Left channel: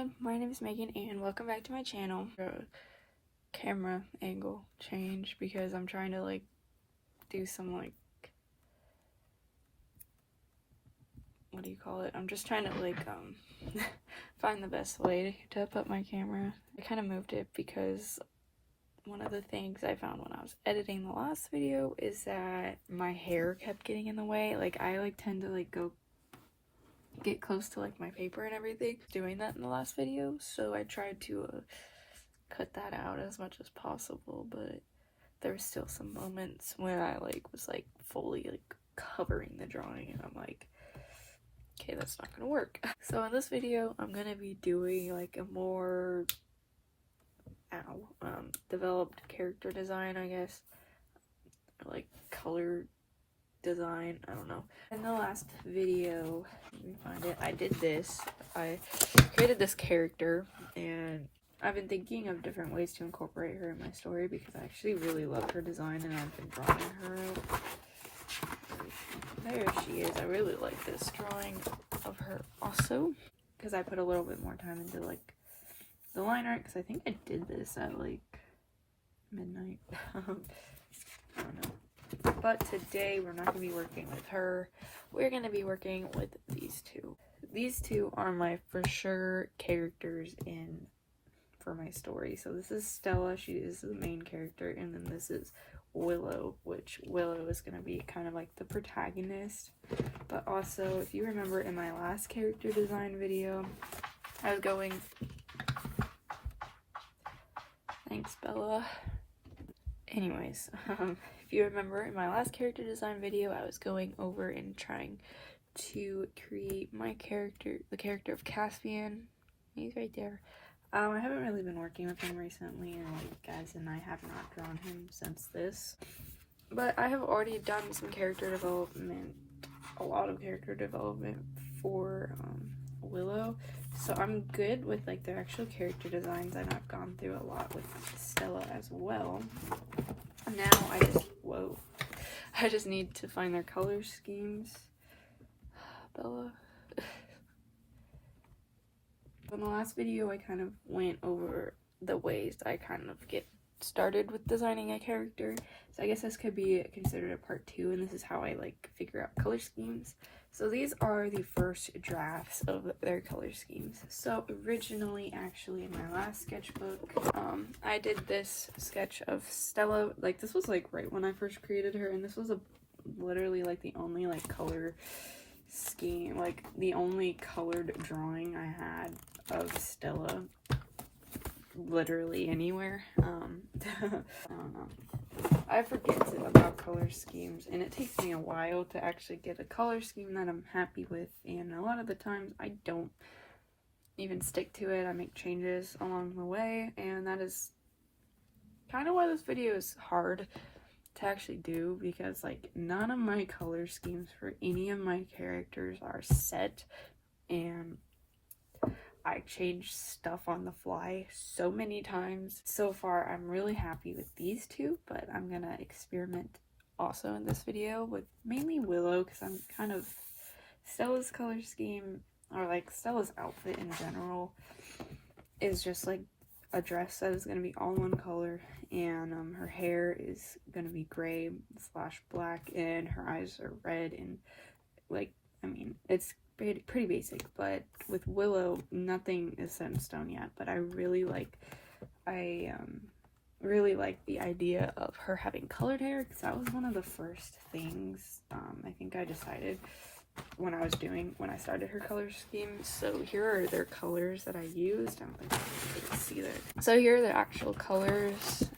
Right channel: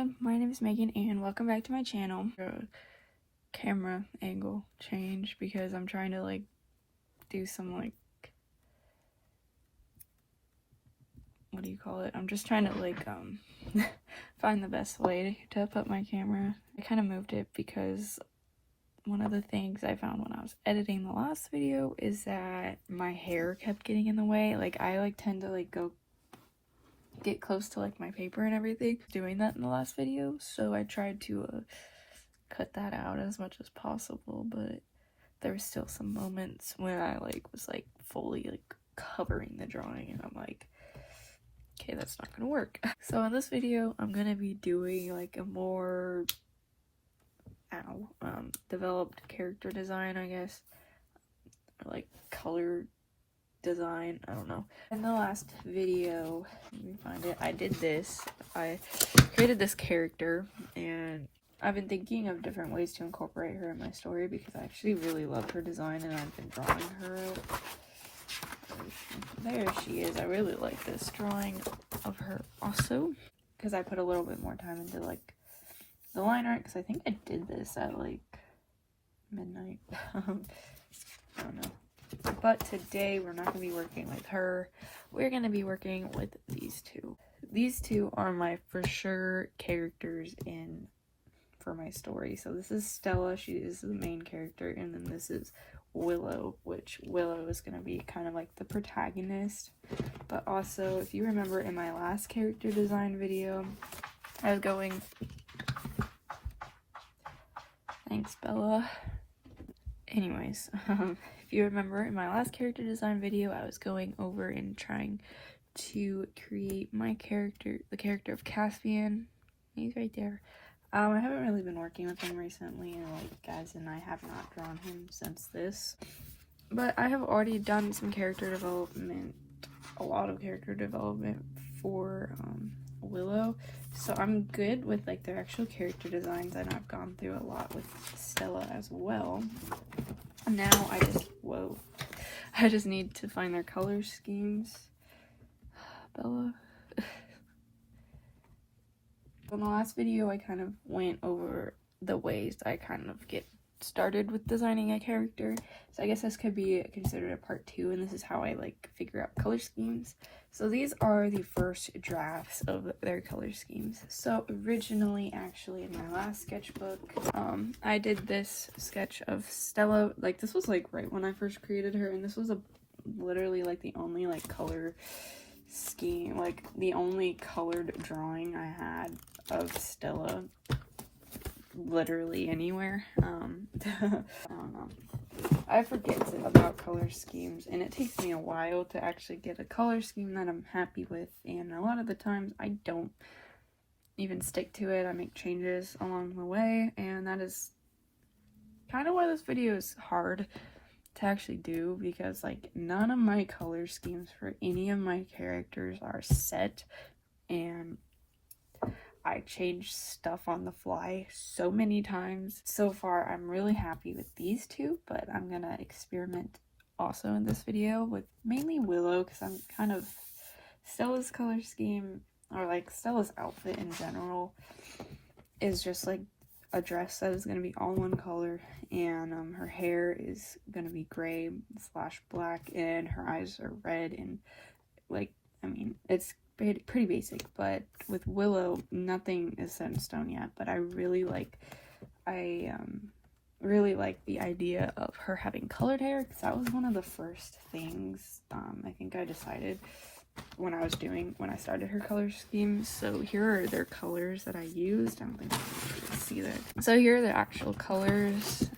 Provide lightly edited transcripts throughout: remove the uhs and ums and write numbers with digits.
Hello, my name is Megan and welcome back to my channel. Camera angle change because I'm trying to do some what do you call it? I'm just trying to find the best way to put my camera. I kind of moved it because one of the things I found when I was editing the last video is that my hair kept getting in the way. I tend to go get close to my paper and everything, doing that in the last video, so I tried to cut that out as much as possible, but there were still some moments when I was fully covering the drawing and I'm like, okay, that's not gonna work. So in this video I'm gonna be doing a more developed character design, I guess, or color design, I don't know. In the last video, let me find it, I did this. I created this character and I've been thinking of different ways to incorporate her in my story because I actually really loved her design and I've been drawing her. There she is. I really like this drawing of her also because I put a little bit more time into the line art because I think I did this at midnight. I don't know. But today we're not going to be working with her. We're going to be working with these two. These two are my for sure characters for my story. So this is Stella, she is the main character, and then this is Willow, which Willow is going to be kind of the protagonist. But also, if you remember in my last character design video, I was going... Thanks, Bella. Anyways, if you remember in my last character design video, I was going over and trying to create my character, the character of Caspian. He's right there. I haven't really been working with him recently, guys, and I have not drawn him since this. But I have already done some character development, a lot of character development for Willow. So I'm good with their actual character designs, and I've gone through a lot with Stella as well. Now I just need to find their color schemes. Bella. In the last video I kind of went over the ways I kind of get started with designing a character. So I guess this could be considered a part 2, and this is how I figure out color schemes. So these are the first drafts of their color schemes. So originally, actually, in my last sketchbook, I did this sketch of Stella. This was right when I first created her, and this was literally the only color scheme, the only colored drawing I had of Stella literally anywhere. I don't know. I forget about color schemes, and it takes me a while to actually get a color scheme that I'm happy with, and a lot of the times I don't even stick to it. I make changes along the way, and that is kind of why this video is hard to actually do, because none of my color schemes for any of my characters are set, and I changed stuff on the fly so many times. So far, I'm really happy with these two, but I'm gonna experiment also in this video with mainly Willow, because I'm kind of... Stella's color scheme, or Stella's outfit in general, is just a dress that is gonna be all one color, and her hair is gonna be gray / black, and her eyes are red, and I mean, it's pretty basic. But with Willow, nothing is set in stone yet, but I really like the idea of her having colored hair, because that was one of the first things I think I decided when I started her color scheme. So here are their colors that I used. I don't think you can see that. So here are their actual colors.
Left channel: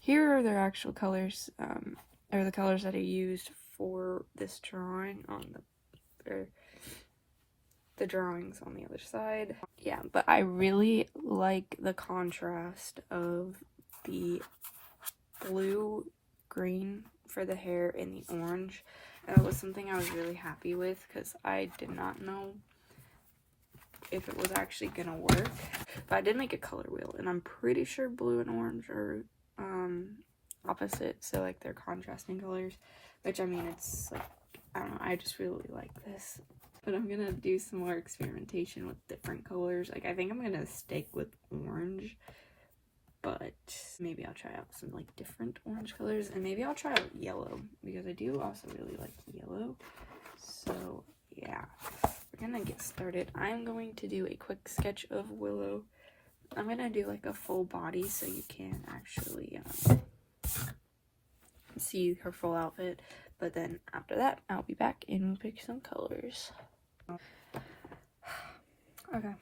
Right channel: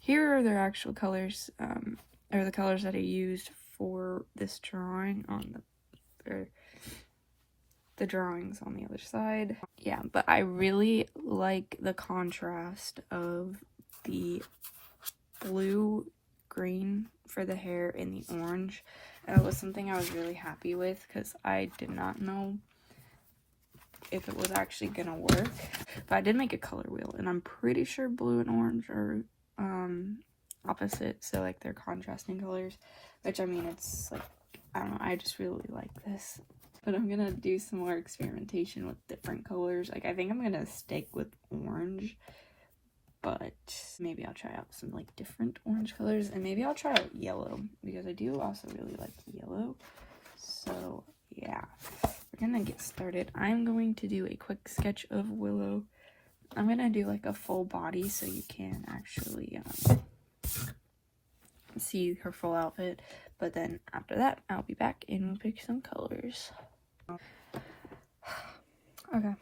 Here are their actual colors, or the colors that I used for this drawing on the drawings on the other side. Yeah, but I really like the contrast of the blue green for the hair and the orange. That was something I was really happy with because I did not know if it was actually gonna work. But I did make a color wheel, and I'm pretty sure blue and orange are opposite, so they're contrasting colors, which I mean, it's I don't know, I just really like this. but I'm gonna do some more experimentation with different colors. Like, I think I'm gonna stick with orange, but maybe I'll try out some like different orange colors, and maybe I'll try out yellow because I do also really like yellow. So yeah, we're gonna get started. I'm going to do a quick sketch of Willow. I'm gonna do like a full body so you can actually see her full outfit, but then after that I'll be back and we'll pick some colors. Okay,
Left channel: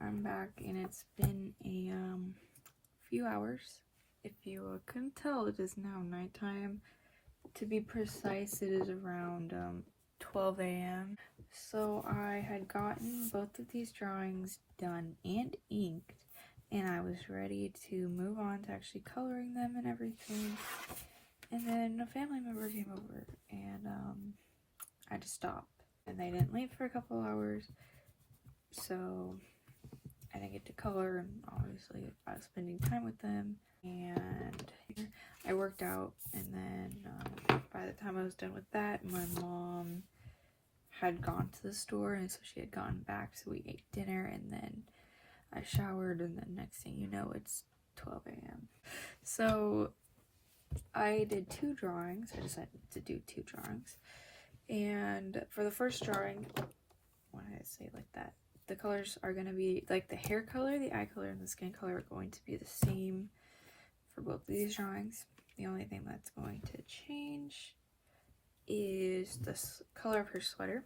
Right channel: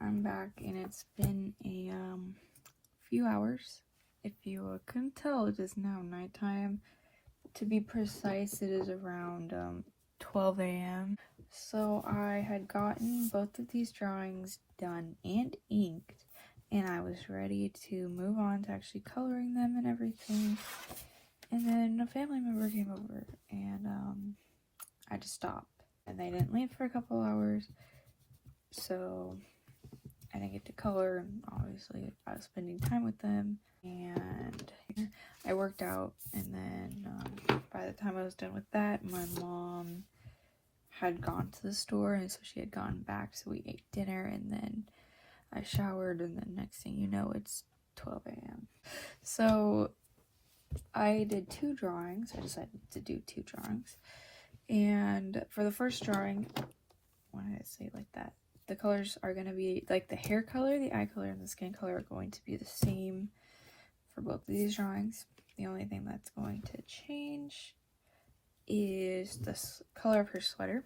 I'm back and it's been a few hours. If you couldn't tell, it is now nighttime. To be precise, it is around 12 a.m. So I had gotten both of these drawings done and inked, and I was ready to move on to actually coloring them and everything. And then a family member came over, and I had to stop. And they didn't leave for a couple hours, so I didn't get to color. And obviously, I was spending time with them, and I worked out. And then by the time I was done with that, my mom had gone to the store, and so she had gone back. So we ate dinner, and then I showered, and then next thing you know, it's 12 a.m. So I did 2 drawings. I decided to do 2 drawings. And for the first drawing, why did I say it like that? The colors are going to be, like, the hair color, the eye color, and the skin color are going to be the same for both of these drawings. The only thing that's going to change is the color of her sweater.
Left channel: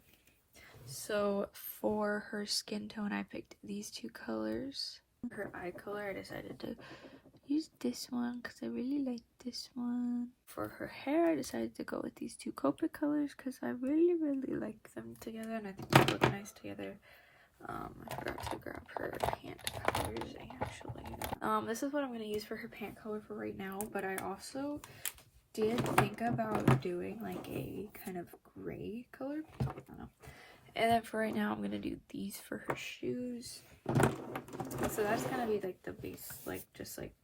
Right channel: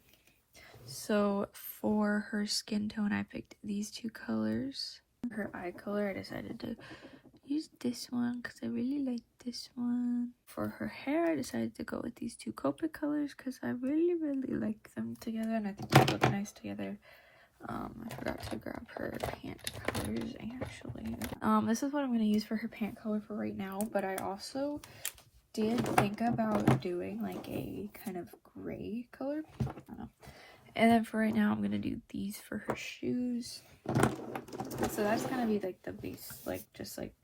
So for her skin tone, I picked these 2 colors. Her eye color, I decided to use this one because I really like this one. For her hair, I decided to go with these 2 Copic colors because I really like them together, and I think they look nice together. I forgot to grab her pant colors actually. This is what I'm going to use for her pant color for right now, but I also did think about doing like a kind of gray color. I don't know. And then for right now, I'm going to do these for her shoes. So that's going to be like the base, like just like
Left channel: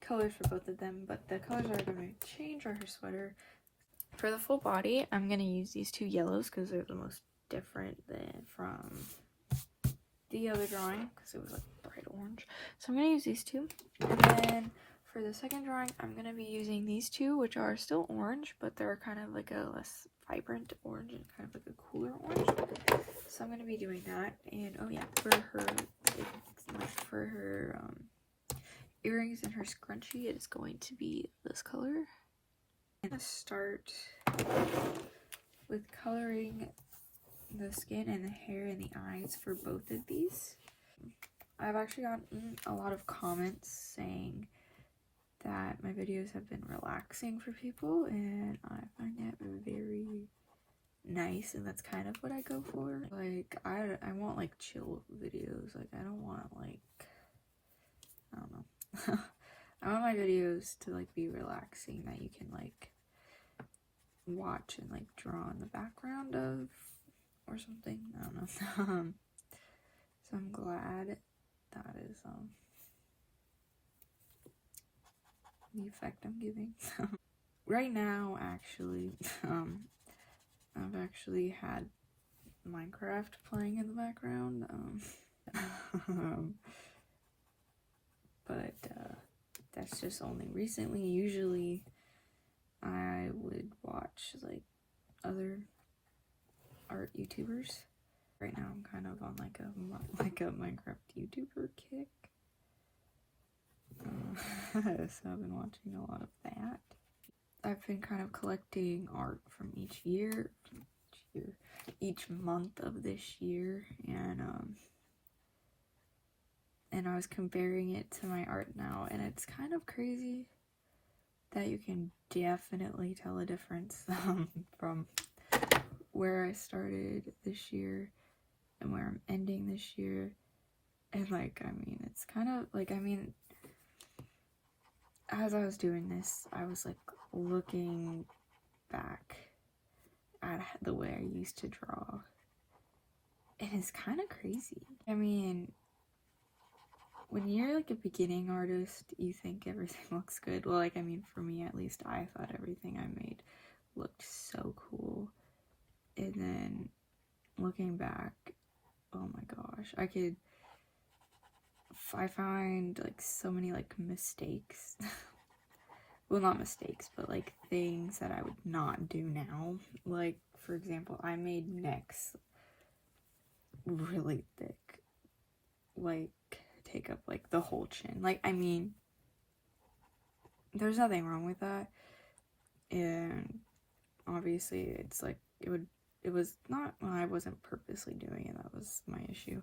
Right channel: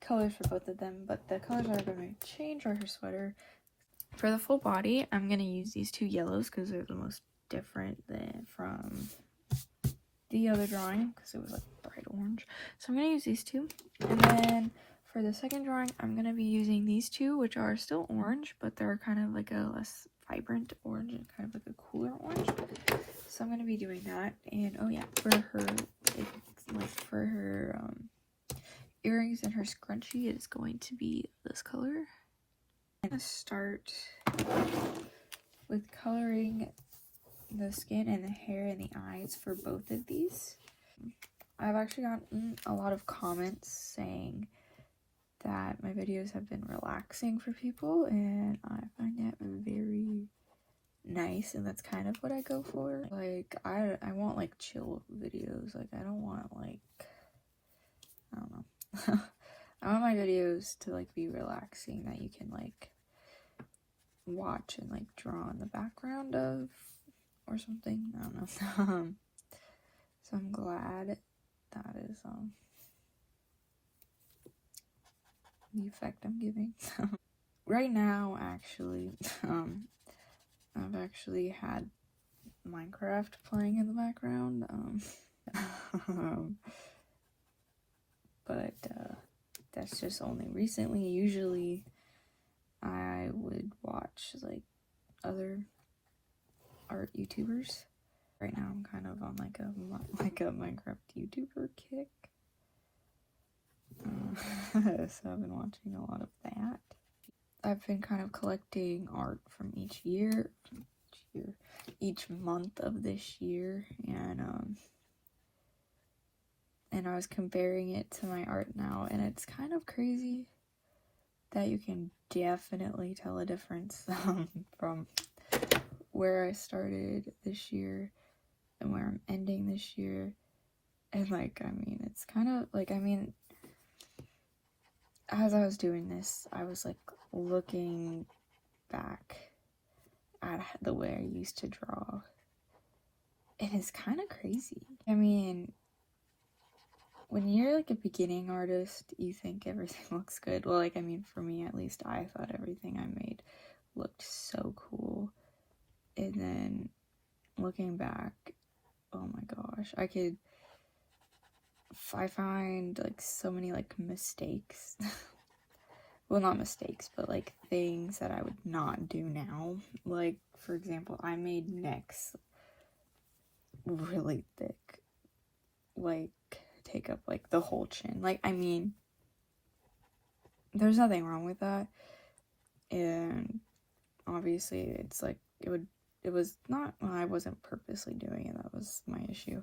colors for both of them, but the colors are going to change for her sweater. For the full body, I'm going to use these 2 yellows because they're the most different from the other drawing because it was like bright orange. So I'm going to use these 2. And then for the second drawing, I'm going to be using these 2, which are still orange, but they're kind of like a less vibrant orange and kind of like a cooler orange. So I'm going to be doing that. And oh yeah, for her earrings and her scrunchie, it is going to be this color. I'm going to start with coloring the skin and the hair and the eyes for both of these. I've actually gotten a lot of comments saying that my videos have been relaxing for people, and I find that very nice, and that's kind of what I go for. Like, I want like chill videos. Like, I don't want like, I don't know. I want my videos to like be relaxing, that you can like watch and like draw in the background of or something. I don't know. So I'm glad that is the effect I'm giving. Right now, actually, I've actually had Minecraft playing in the background. But that's just only recently. Usually, I would watch like other art YouTubers. Right now, I'm kind of on like a Minecraft YouTuber kick. So I've been watching a lot of that. I've been kind of collecting art from each month of this year, and I was comparing it to my art now, and it's kind of crazy that you can definitely tell a difference from where I started this year and where I'm ending this year. And like, I mean, it's kind of like, I mean, as I was doing this, I was like looking back at the way I used to draw, and it's kind of crazy. I mean, when you're like a beginning artist, you think everything looks good. Well, like, I mean, for me at least, I thought everything I made looked so cool. And then looking back, oh my gosh, I find like so many like mistakes. Well, not mistakes, but like things that I would not do now. Like, for example, I made necks really thick, like take up like the whole chin. Like, I mean, there's nothing wrong with that, and obviously it's like it was not, well, I wasn't purposely doing it, that was my issue.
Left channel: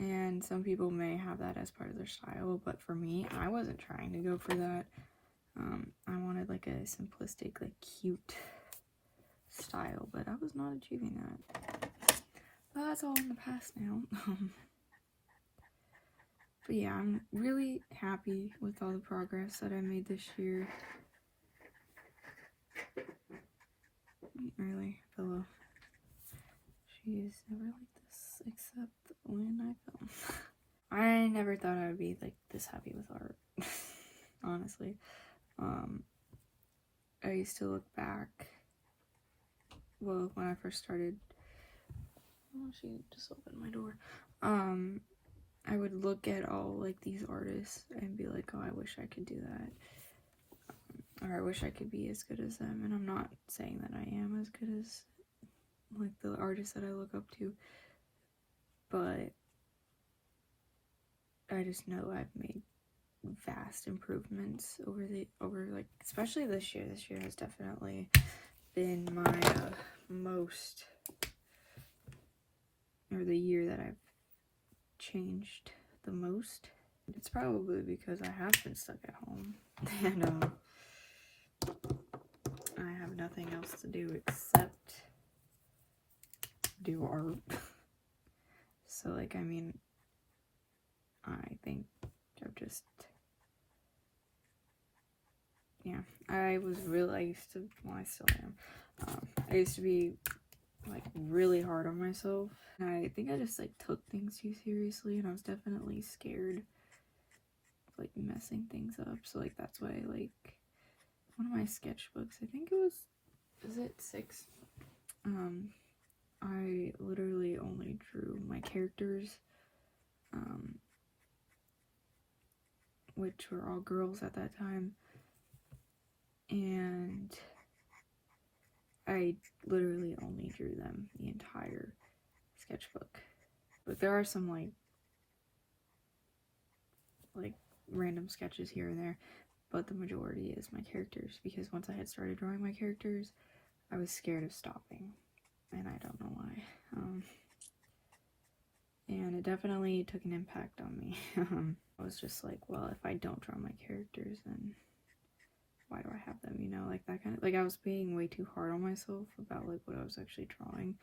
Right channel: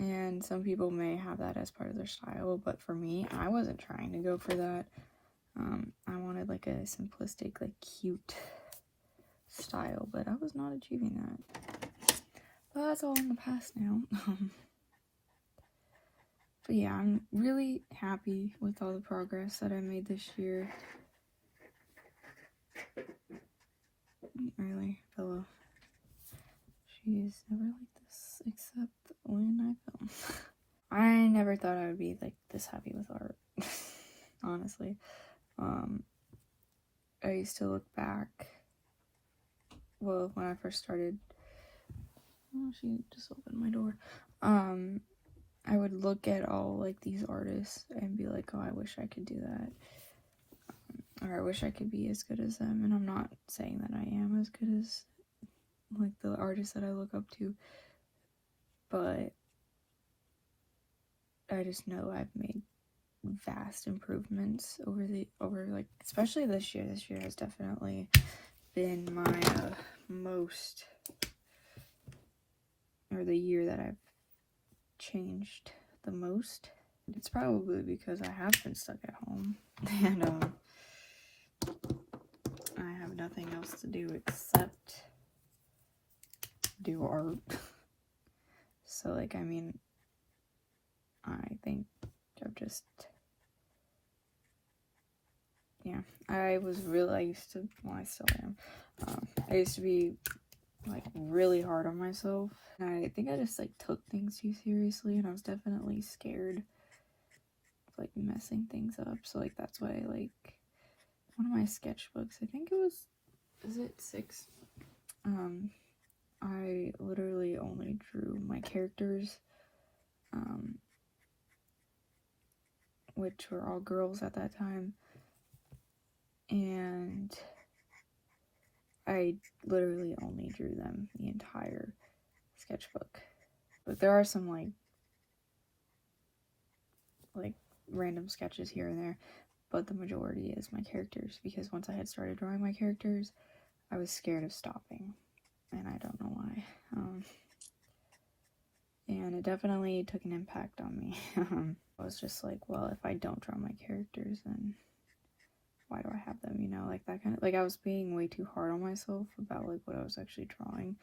And some people may have that as part of their style, but for me, I wasn't trying to go for that. I wanted like a simplistic, like cute style, but I was not achieving that. But that's all in the past now. But yeah, I'm really happy with all the progress that I made this year. Really, Bella. She's never like this, except when I film. I never thought I would be like this happy with art. Honestly. I used to look back, well, when I first started, oh, she just opened my door. I would look at all like these artists and be like, oh, I wish I could do that. Or I wish I could be as good as them. And I'm not saying that I am as good as like the artists that I look up to, but I just know I've made vast improvements over like, especially this year. This year has definitely been my most, or the year that I've changed the most. It's probably because I have been stuck at home and I have nothing else to do except do art. So like, I mean, I think I've just, yeah, I used to, well, I still am, I used to be like really hard on myself. I think I just like took things too seriously, and I was definitely scared of like messing things up. So like that's why like one of my sketchbooks, I think it was, is it 6? I literally only drew my characters, which were all girls at that time, and I literally only drew them the entire sketchbook. But there are some like random sketches here and there, but the majority is my characters, because once I had started drawing my characters, I was scared of stopping, and I don't know why. And it definitely took an impact on me. I was just like, well, if I don't draw my characters, then why do I have them, you know, like that kind of, like I was being way too hard on myself about like what I was actually drawing.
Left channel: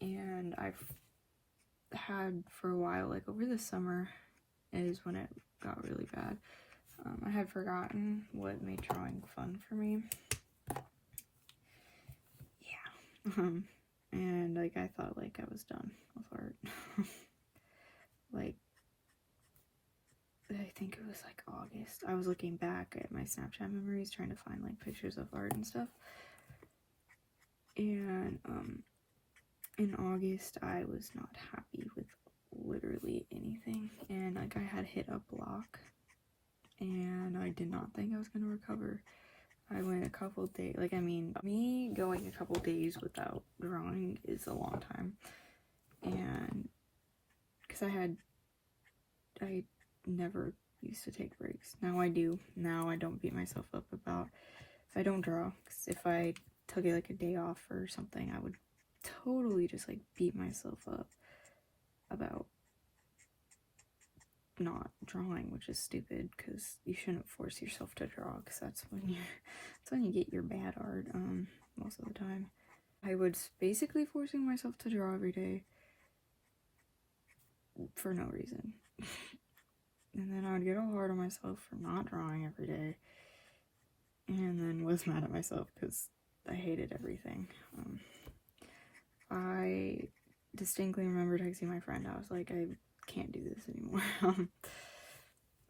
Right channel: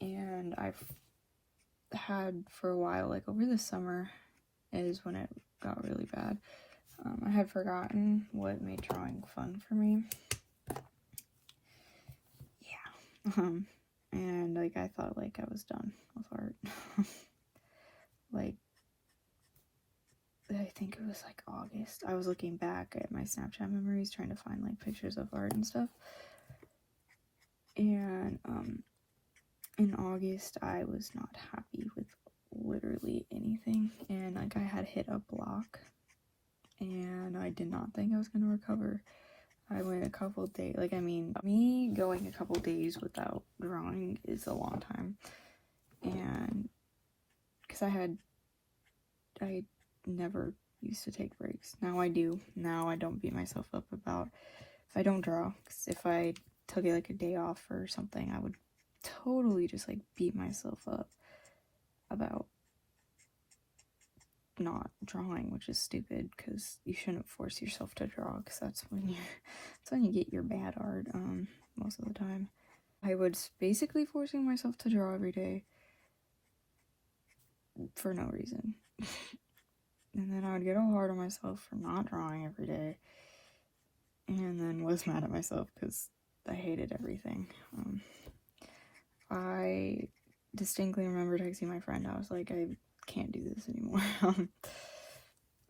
And I've had for a while, like over the summer is when it got really bad. I had forgotten what made drawing fun for me. Yeah. And like I thought like I was done with art. Like, I think it was like August. I was looking back at my Snapchat memories, trying to find like pictures of art and stuff. And in August, I was not happy with literally anything. And like I had hit a block, and I did not think I was gonna recover. I went a couple days, like, I mean, me going a couple days without drawing is a long time. And because I never used to take breaks. Now I do. Now I don't beat myself up about if I don't draw. 'Cause if I took it like a day off or something, I would totally just like beat myself up about not drawing, which is stupid, because you shouldn't force yourself to draw, because that's when you get your bad art most of the time. I was basically forcing myself to draw every day for no reason. And then I would get all hard on myself for not drawing every day, and then was mad at myself because I hated everything. I distinctly remember texting my friend. I was like, I can't do this anymore.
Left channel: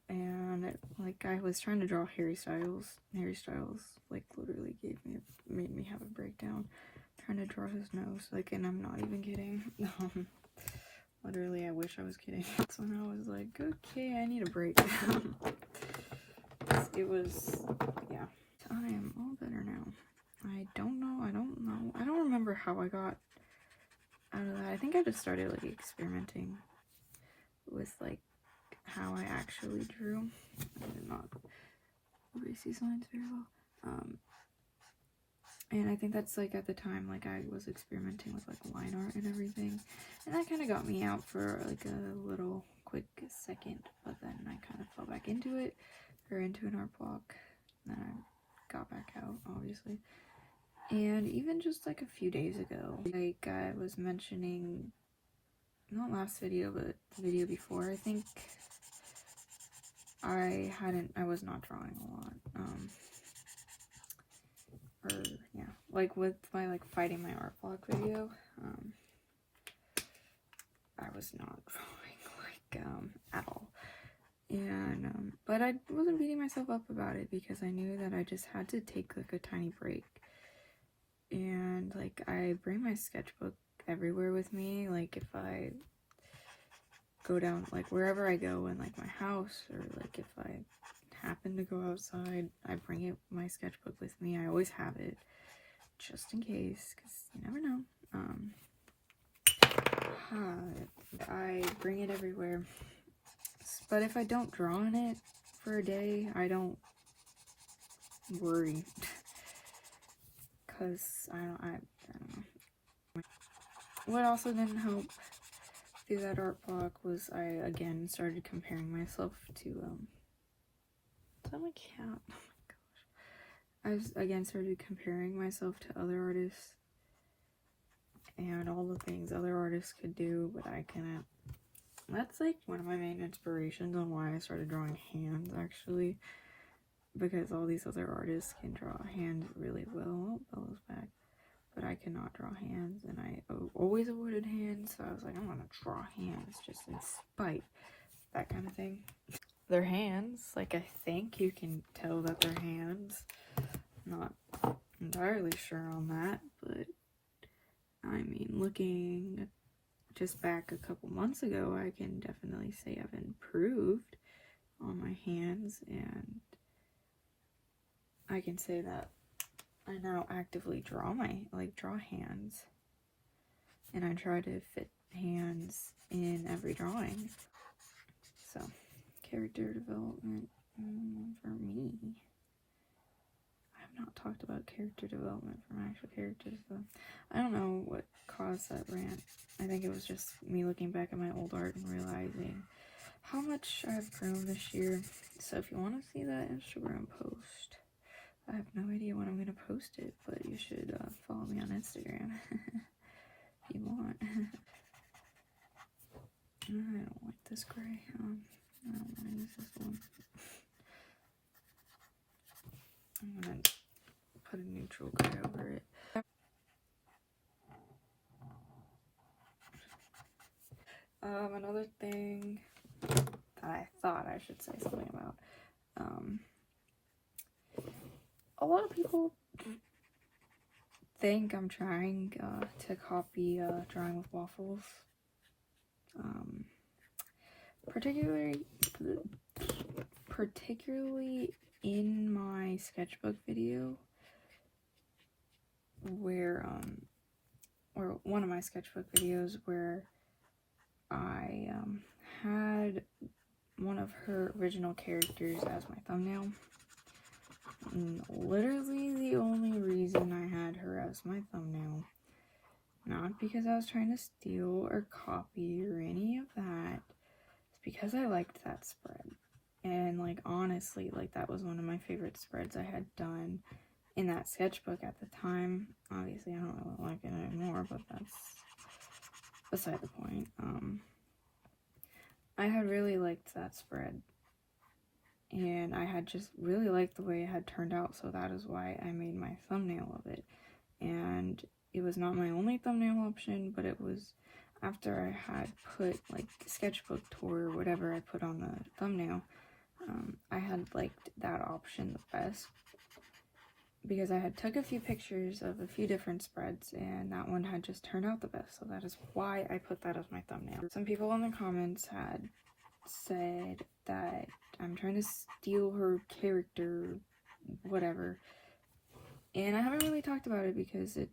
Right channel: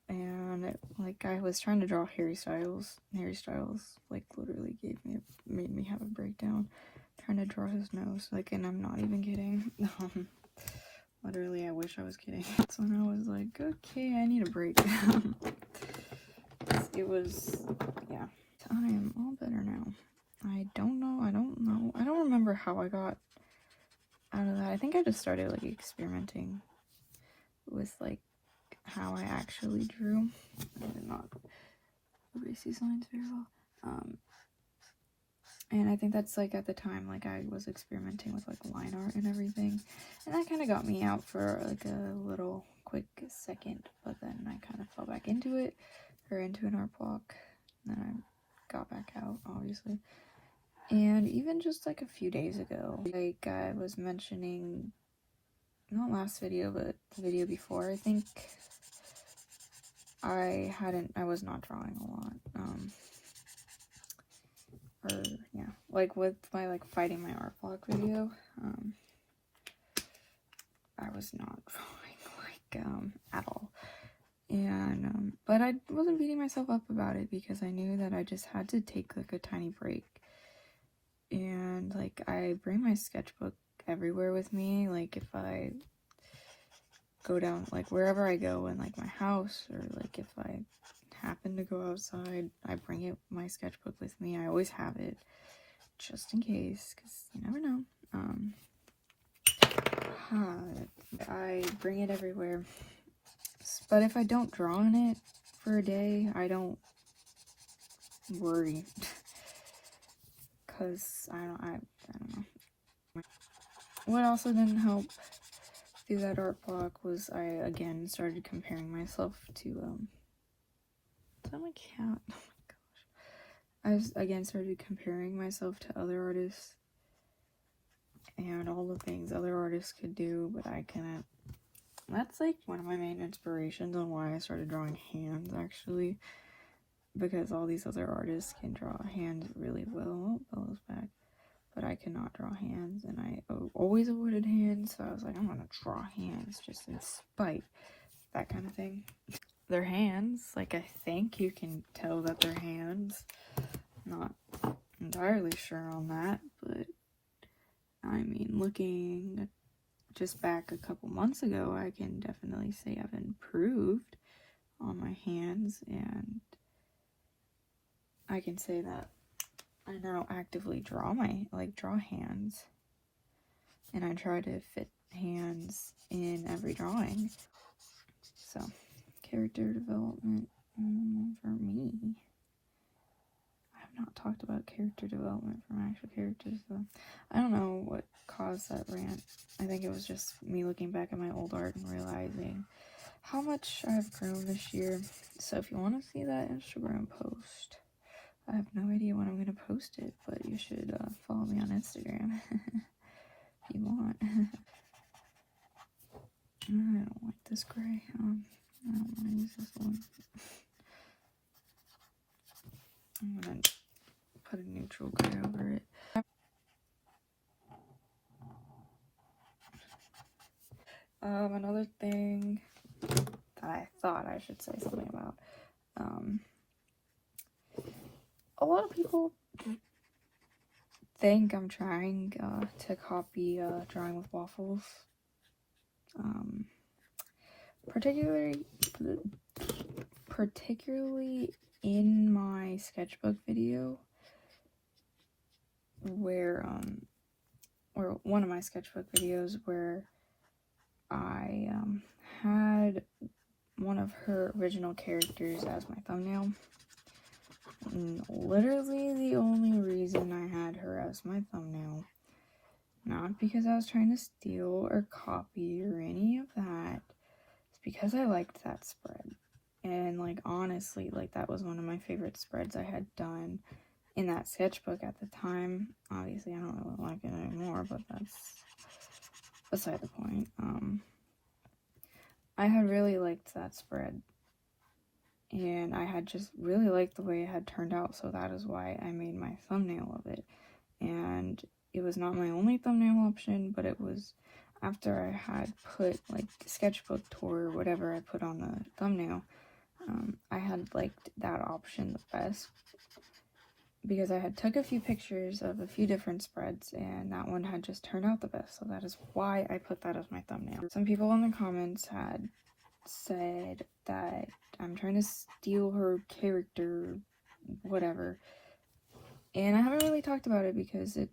And like I was trying to draw Harry Styles like literally made me have a breakdown. trying to draw his nose, like, and I'm not even kidding. Literally, I wish I was kidding. So when I was like, okay, I need a break. It was, yeah. I'm all better now. I don't know. I don't remember how I got out of that. I think I just started, like, experimenting with, like, how I actually drew. I did not erase these lines very well. And I think that's, like, at the time, like, I was experimenting with, like, line art and everything. And that kind of got me out for, like, a little quick second. But then I kind of fell back into it, or into an art block. And then I got back out, obviously. And even just, like, a few days ago, like, I was mentioning, not last video, but the video before, I think, I was not drawing a lot. Or, yeah, like, with my, like, fighting my art block video, I was not drawing, like, at all. And, but I wasn't beating myself up about it, because I knew that I just had to take, like, a tiny break. And, like, I bring my sketchbook everywhere with me. Like, if I go down, like, wherever I go in, like, my house, or, like, if I happen to go outside, I bring my sketchbook with me. I always have it, just in case, because you never know. I bring it everywhere. But if I don't draw in it for a day, I don't worry. Because I don't know. What also didn't help through that art block was I again started comparing myself to is that my cat? Oh my gosh. I again started comparing myself to other artists and all the things other artists could do, but I cannot. That's like one of my main inspirations on why I started drawing hands, actually, because all these other artists can draw hands really well. Bella's back. But I cannot draw hands, and I always avoided hands, so I was like, I'm gonna draw hands just in spite, that kind of thing. They're hands, like, I think you can tell that they're hands. Not entirely sure on that, but I mean, looking just back a couple months ago, I can definitely say I've improved on my hands, and I can say that I now actively draw hands, and I try to fit hands in every drawing. So, character development for me. I have not talked about character development for my actual characters, though. I don't know what caused that rant. I think it was just me looking back at my old art and realizing how much I've grown this year. So if you want to see that Instagram post, I have no idea when I'm going to post it, but you should follow me on Instagram if you want. I don't like this gray. I don't want to use this one. I'm going to put a neutral gray over it. Another thing that I thought I should say something about. A lot of people think I'm trying to copy Drawing with Waffles. Particularly in my sketchbook video, where or one of my sketchbook videos where I had one of her original characters as my thumbnail. And literally the only reason I had her as my thumbnail, not because I was trying to steal or copy or any of that, it's because I liked that spread. And, like, honestly, like, that was one of my favorite spreads I had done in that sketchbook at the time. Obviously, I don't really like it anymore, but that's beside the point. I had really liked that spread, and I had just really liked the way it had turned out, so that is why I made my thumbnail of it. And it was not my only thumbnail option, but it was after I had put, like, the sketchbook tour or whatever I put on the thumbnail. I had liked that option the best, because I had took a few pictures of a few different spreads, and that one had just turned out the best, so that is why I put that as my thumbnail. Some people in the comments had said that I'm trying to steal her character, whatever, and I haven't really talked about it because it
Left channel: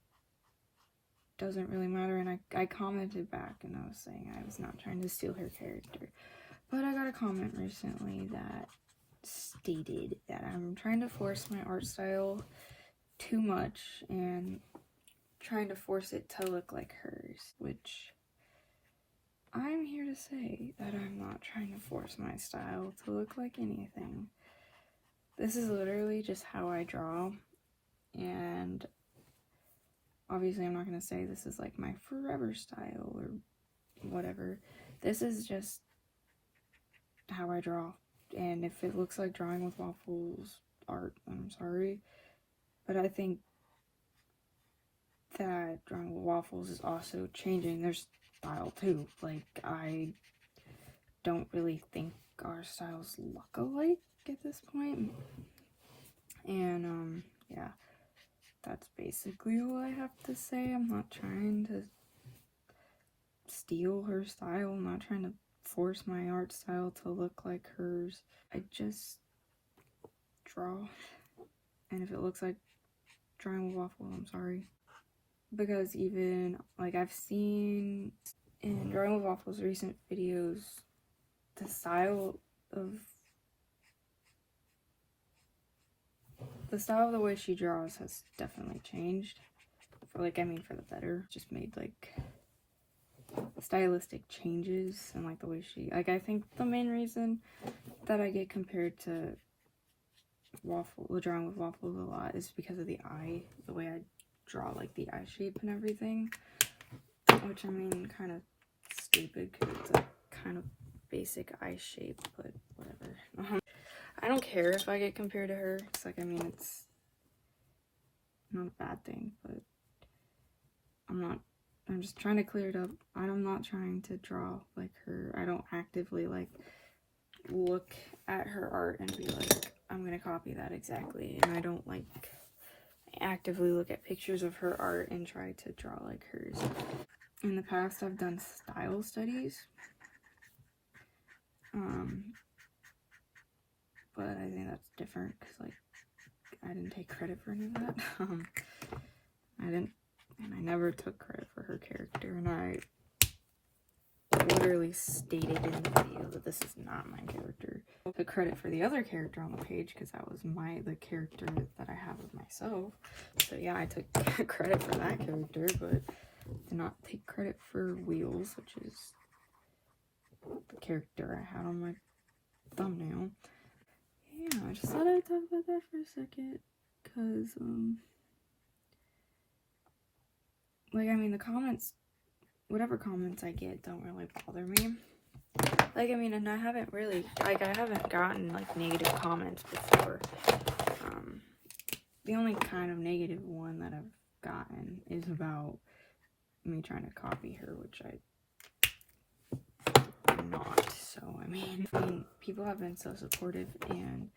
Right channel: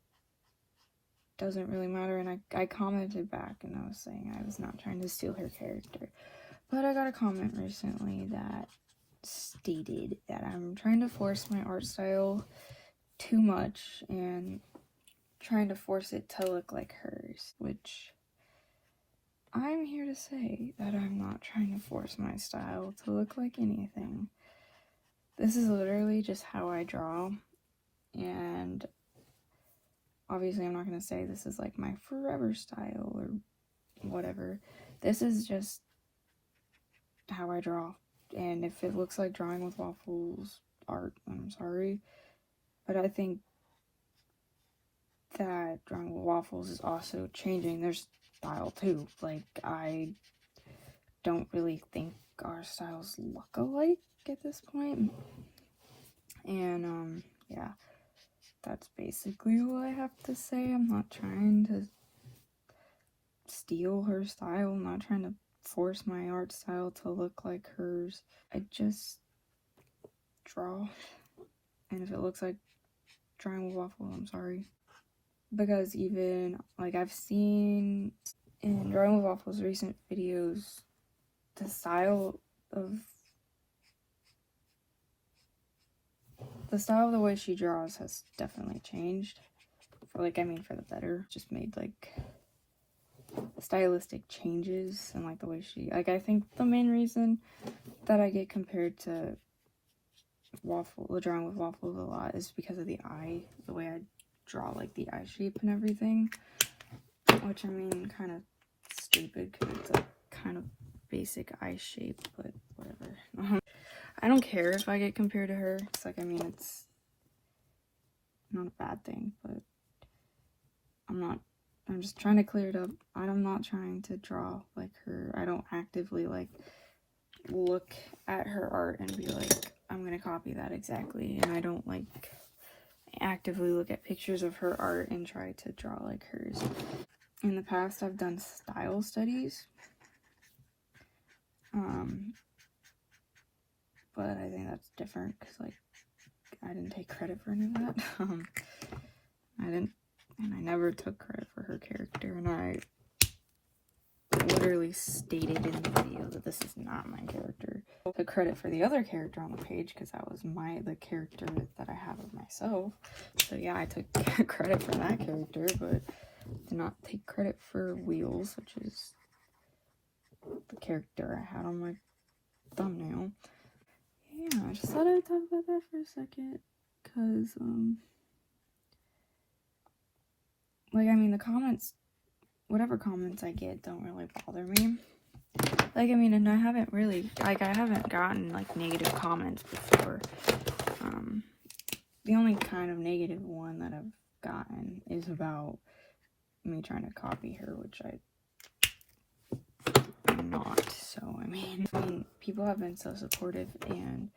doesn't really matter, and I commented back and I was saying I was not trying to steal her character. But I got a comment recently that stated that I'm trying to force my art style too much and trying to force it to look like hers, which I'm here to say that I'm not trying to force my style to look like anything. This is literally just how I draw, and obviously I'm not going to say this is like my forever style or whatever. This is just how I draw, and if it looks like drawing with waffles art, I'm sorry, but I think that drawing with waffles is also changing their style too. Like, I don't really think our styles look alike at this point, and yeah, that's basically all I have to say. I'm not trying to steal her style, I'm not trying to force my art style to look like hers. I just draw, and if it looks like drawing with waffles, I'm sorry. Because even, like, I've seen in Drawing with Waffles recent videos, the style of the way she draws has definitely changed. For the better. Just made, like, stylistic changes and, like, the way she, like, I think the main reason that I get compared to Drawing with Waffles a lot is because of the eye, the way I draw, like, the eye shape and everything, which, I mean, kind of stupid because it's a kind of basic eye shape, but whatever. I don't care if I get compared to her. It's like, I mean, it's not a bad thing, but I'm just trying to clear it up. I'm not trying to draw like her. I don't actively, like, look at her art and be like, I'm gonna copy that exactly, and I don't, like, actively look at pictures of her art and try to draw like hers. In the past, I've done style studies, but I think that's different because, like, I didn't take credit for any of that. I never took credit for her character, and I literally stated in the video that this is not my character. I took credit for the other character on the page because that was the character that I have of myself. So yeah, I took credit for that character, but did not take credit for Wheels, which is the character I had on my thumbnail. Yeah, I just thought I would talk about that for a second, because, like, I mean, the comments, whatever comments I get don't really bother me. Like, I mean, and I haven't gotten, like, negative comments before. The only kind of negative one that I've gotten is about me trying to copy her, which I'm not. So, I mean, people have been so supportive and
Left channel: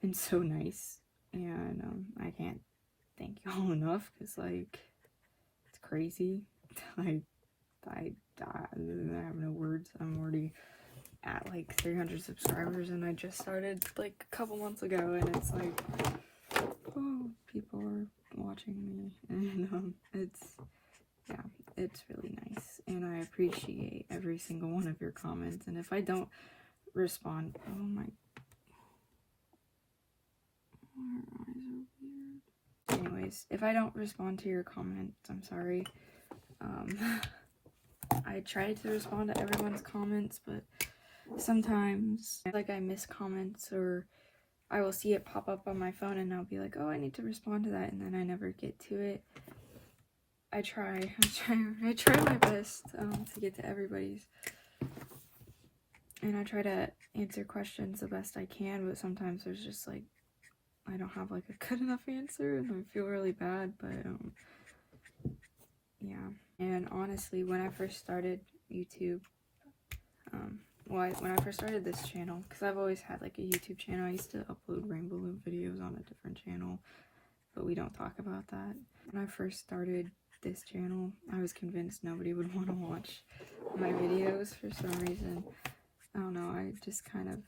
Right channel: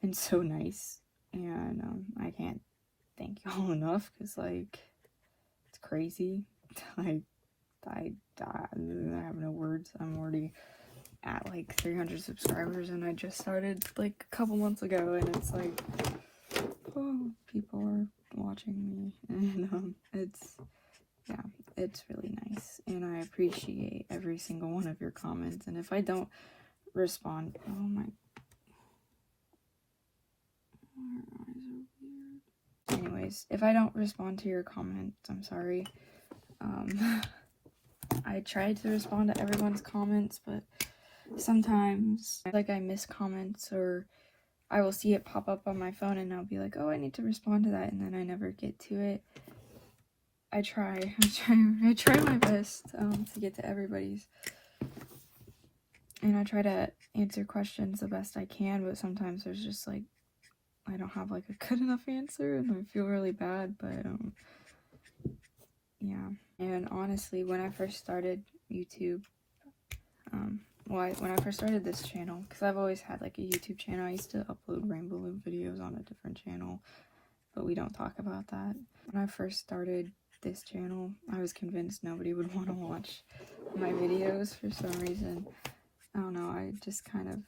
been so nice, and I can't thank y'all enough, because, like, it's crazy. Like, I have no words. I'm already at, like, 300 subscribers, and I just started, like, a couple months ago, and it's like, oh, people are watching me, and it's really nice, and I appreciate every single one of your comments. And if I don't respond, oh my, her eyes are weird. Anyways, if I don't respond to your comments, I'm sorry. I try to respond to everyone's comments, but sometimes, like, I miss comments, or I will see it pop up on my phone and I'll be like, oh, I need to respond to that, and then I never get to it. I try my best to get to everybody's, and I try to answer questions the best I can, but sometimes there's just, like, I don't have, like, a good enough answer, and I feel really bad, but yeah. And honestly, when I first started YouTube, when I first started this channel, because I've always had, like, a YouTube channel, I used to upload Rainbow Loop videos on a different channel, but we don't talk about that. When I first started this channel, I was convinced nobody would want to watch my videos for some reason. I don't know, I just kind of,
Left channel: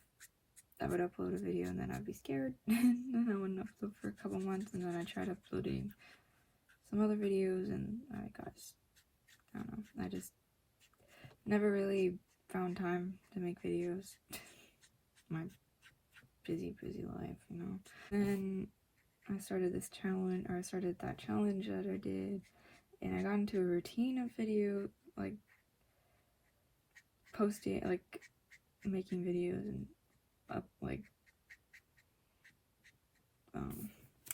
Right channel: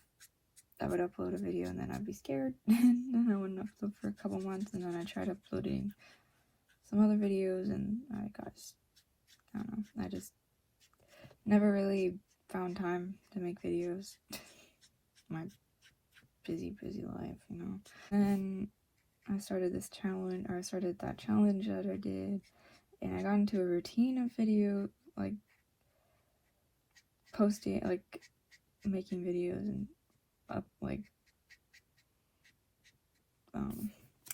I would upload a video and then I'd be scared, and then I wouldn't upload for a couple months, and then I tried uploading some other videos, and I don't know, I just never really found time to make videos. My busy life, you know. And I started this challenge, or I started that challenge that I did, and I got into a routine of video, like posting, like making videos and up, like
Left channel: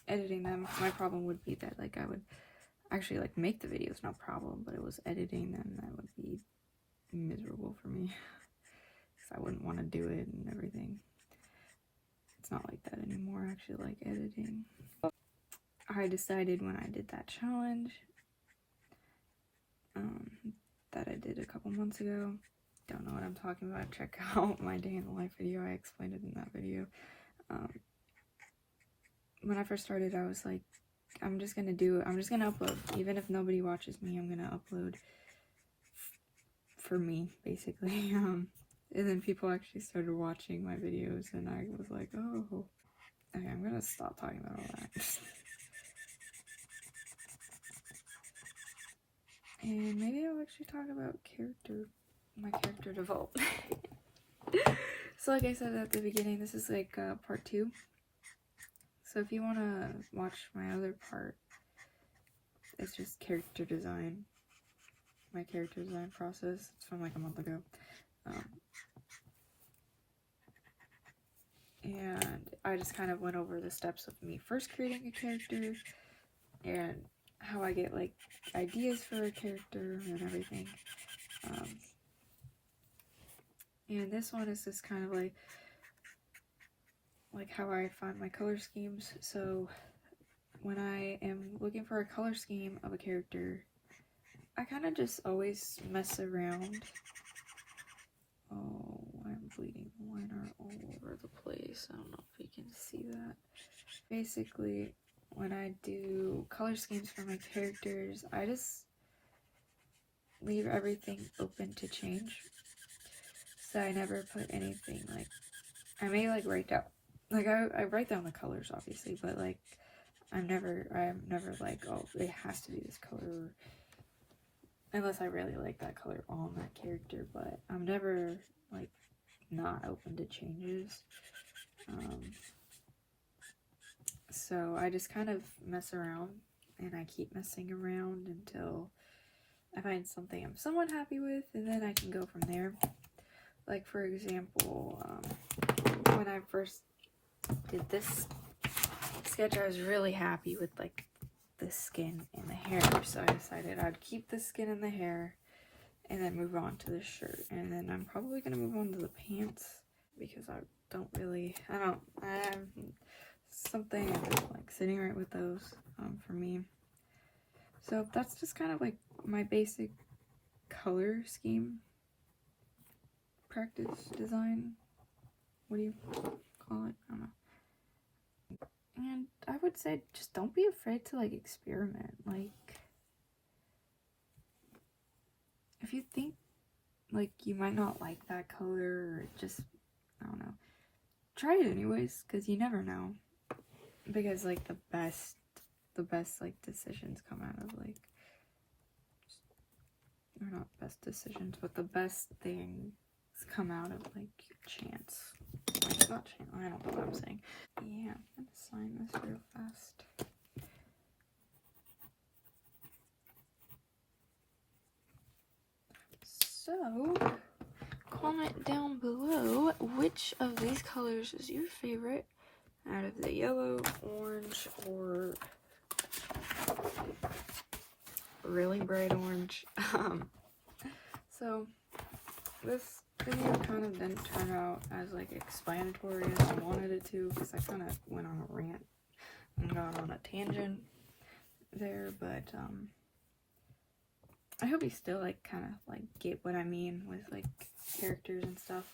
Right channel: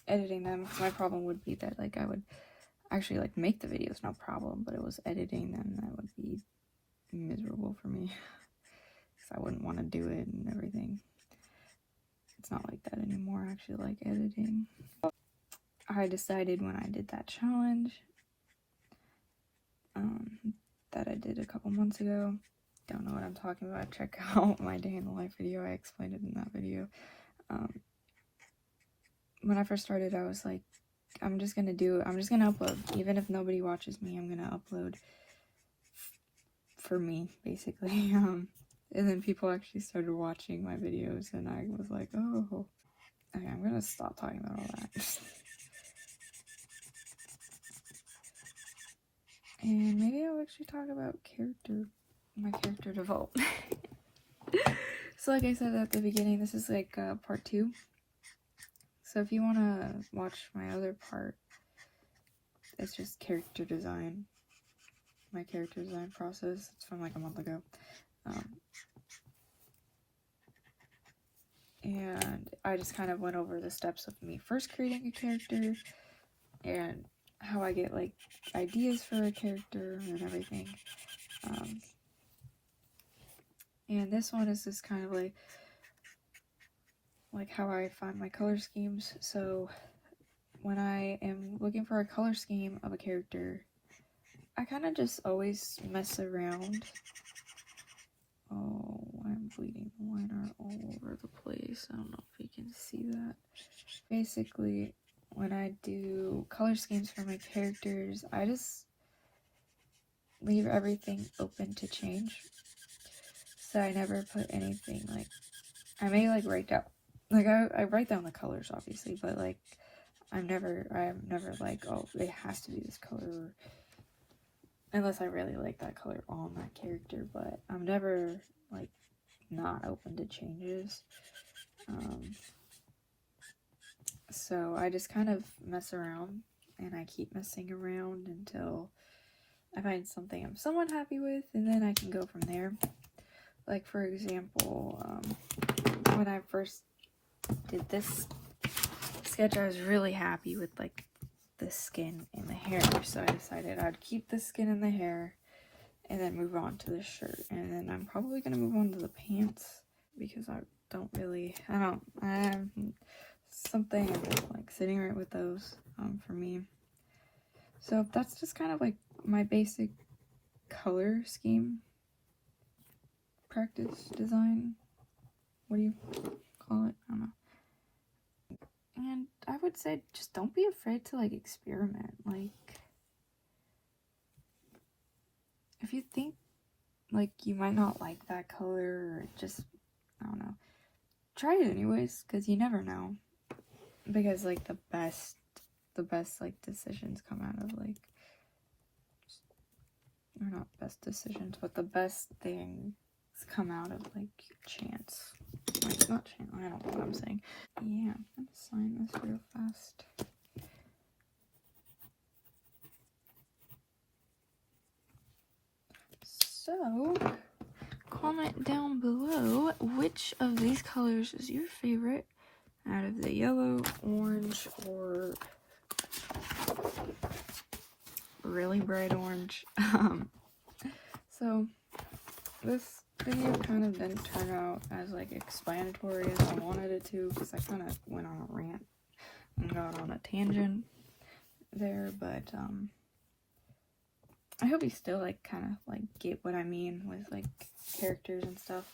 editing them. My problem would be that like I would actually like make the videos, no problem, but it was editing them that would be miserable for me, because I wouldn't want to do it and everything. It's not like that anymore. I actually like editing. I decided when I did that challenge that I did a couple months ago. Don't know what I'm talking about. Check out my day in the life video. I explained it in that video. When I first started, I was like, I'm just gonna upload. Even if nobody watches me, I'm gonna upload for me, basically. And then people actually started watching my videos, and I was like, oh, okay, I'm gonna stop talking about all that. And maybe I'll actually talk about my character development. So like I said at the beginning, this is like part 2. So if you want to watch my other part, it's just character design. My character design process. It's from like a month ago. And I just kind of went over the steps of me first creating a character, and how I get like ideas for a character and everything. And this one is just kind of like how I find my color schemes. So when I am looking for a color scheme of a character, I kind of just always mess around. Oh, I'm bleeding. Mine are all over the place. I don't know if you can see that. Basically, when I do color schemes for my characters, I just leave everything open to change. So I never put anything, like, I may like write down, like I write down the colors obviously, but like I'm never like, oh, it has to be this color, unless I really like that color on that character. But I'm never like not open to changes. So I just kind of mess around, and I keep messing around until I find something I'm somewhat happy with, and then I can go from there. Like for example, when I first did this sketch, I was really happy with like the skin and the hair, so I decided I'd keep the skin and the hair and then move on to the shirt. And then I'm probably gonna move on to the pants, because I have something like sitting right with those for me. So that's just kind of like my basic color scheme practice design. What do you call it? I don't know. And I would say just don't be afraid to like experiment. Like if you think like you might not like that color, or just, I don't know, try it anyways, because you never know. Because like the best like decisions come out of like, or not best decisions, but the best things come out of like chance. Not chance, I don't know what I'm saying. Yeah, I'm gonna sign this real fast. So comment down below which of these colors is your favorite out of the yellow, orange, or really bright orange. So this video kind of didn't turn out as like explanatory as I wanted it to, because I kind of went on a rant and got on a tangent there, but I hope you still like kind of like get what I mean with like characters and stuff.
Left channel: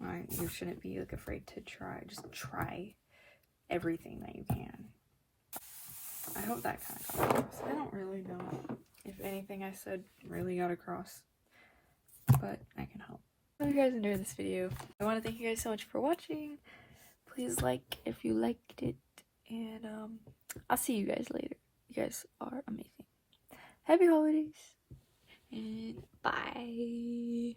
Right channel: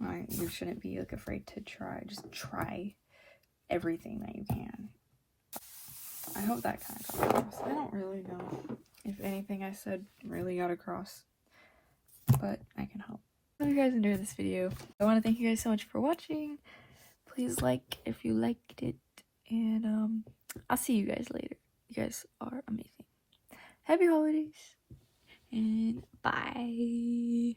You shouldn't be like afraid to try. Just try everything that you can. I hope that kind of got across. I don't really know if anything I said really got across, but I can hope. I hope you guys enjoyed this video. I want to thank you guys so much for watching. Please like if you liked it, and I'll see you guys later. You guys are amazing. Happy holidays, and bye.